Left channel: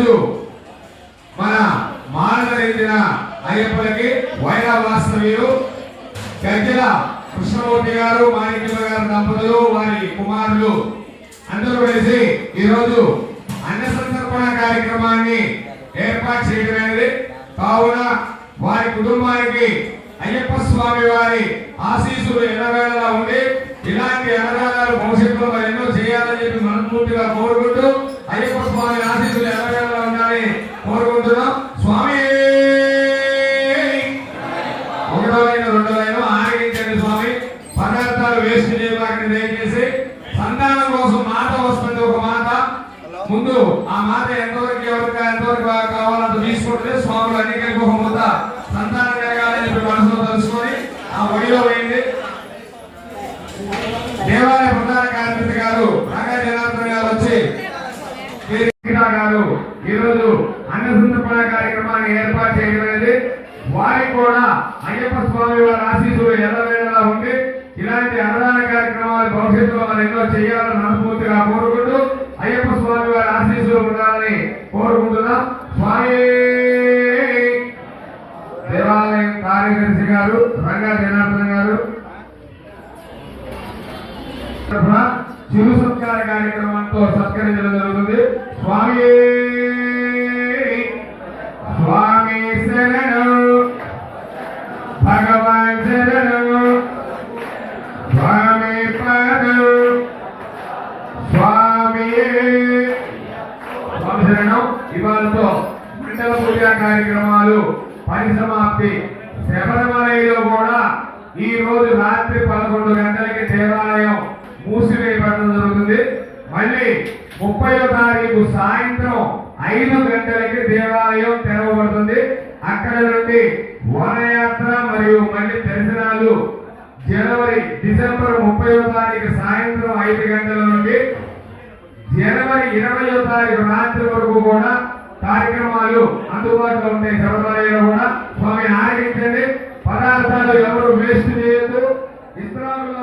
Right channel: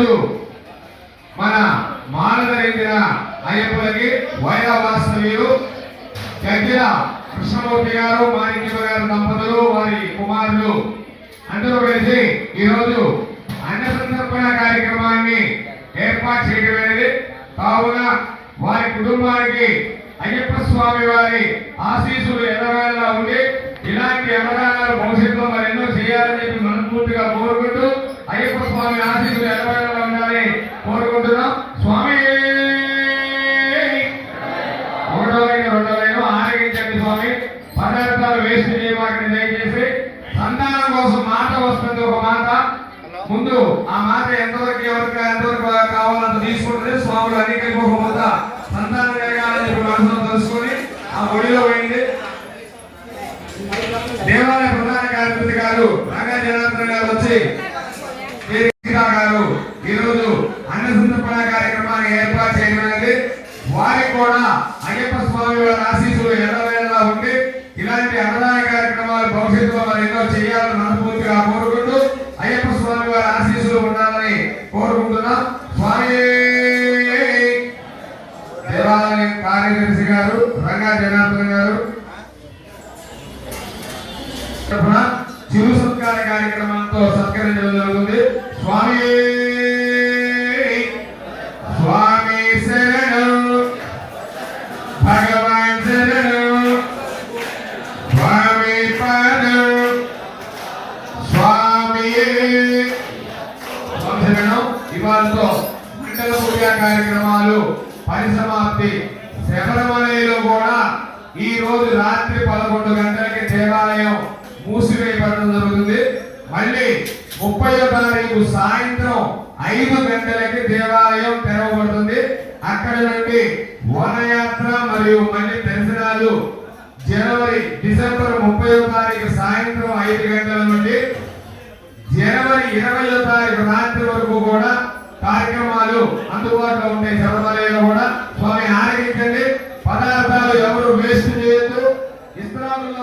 ఈరోజు మన మానదరించిన అయ్యప్పలకి వైరా వాస్తవ్యులు గజ్జల కృష్ణమూర్తి గారు మాణిక్య గారు దంపతులు వారి కుమారులు అందరూ కలిసి ఈరోజు అన్న సంతర్పణ కార్యక్రమాన్ని ఏర్పాటు చేయడమైనది కావున వారి కుటుంబానికి అయ్యప్ప స్వామి వారి ఆశీస్సులు ఎల్లవేళలా వేస్ట్ చేయమాకండి దయచేసి సంతానం కోసం మాట వస్తుంది ఒక మాట. ముందు ఆ మాట ఎంతవరకు ఎవరికి ఎంతవరకు కావాలంత తీసుకుంటే స్వాములు అన్ని ఒక ముద్ద సంతానం కలగాలని చెప్పి మనసులో తెలుసుకొని ఆ ఒడిలో పోయింది. దేవాలయ ప్రధాన కార్యదర్శి గారు రాగా జనార్దన్ గారు వచ్చి కేసీఆ గారు ఈరోజు అన్న సంతర్పణ కార్యక్రమాన్ని ఏర్పాటు చేయగలిగింది వారికి కూడా అయ్యప్ప స్వామి వారి ఆశీస్సులు ఎల్లవేళలా ఉండి ఇలాంటి అన్నదాన కార్యక్రమాలు భవిష్యత్తులో మనం ఎన్నో చేయాలని మనస్ఫూర్తిగా కోరుకుంటూ అయ్యప్ప స్వామి వారి ఆశీస్సులు ఉండాలని కోరుకుంటున్నాం. స్వామి! దేవాలయం కార్యదర్శి గారు రంగా జనార్దన్ గారు. చిరు సత్కార కార్యక్రమంతో సత్కరించడం జరుగుతుంది. స్వామి! స్వామి శరణం ఇవాళతో మండల పూజ కార్యక్రమాలు పరిసమాప్తి. శబరిమలలో కూడా ఈ రోజు రాత్రి పదకొండు గంటలకి దేవాలయం మూసివేయబడడం జరుగుతుంది. మళ్ళీ ముప్పై తారీఖు సాయంత్రం ఐదు గంటలకి దేవాలయం తెరవబడుతుంది. అక్కడ నుండి వనయాత్ర మరియు మళ్ళీ దర్శనాలు జనవరి డిసెంబర్ ముప్పై తారీఖు సాయంత్రం ఐదు గంటల ఇరవయో తారీఖు రాత్రి వరకు కూడా కార్యక్రమాలు అందుబాటులో ఉన్నాయి సర్వదాయంలో కూడా. స్వామి ఆరగించండి పదార్థాలు ఎవరు వేస్ట్ చేయొద్దు. ఇస్త్రాముల్లో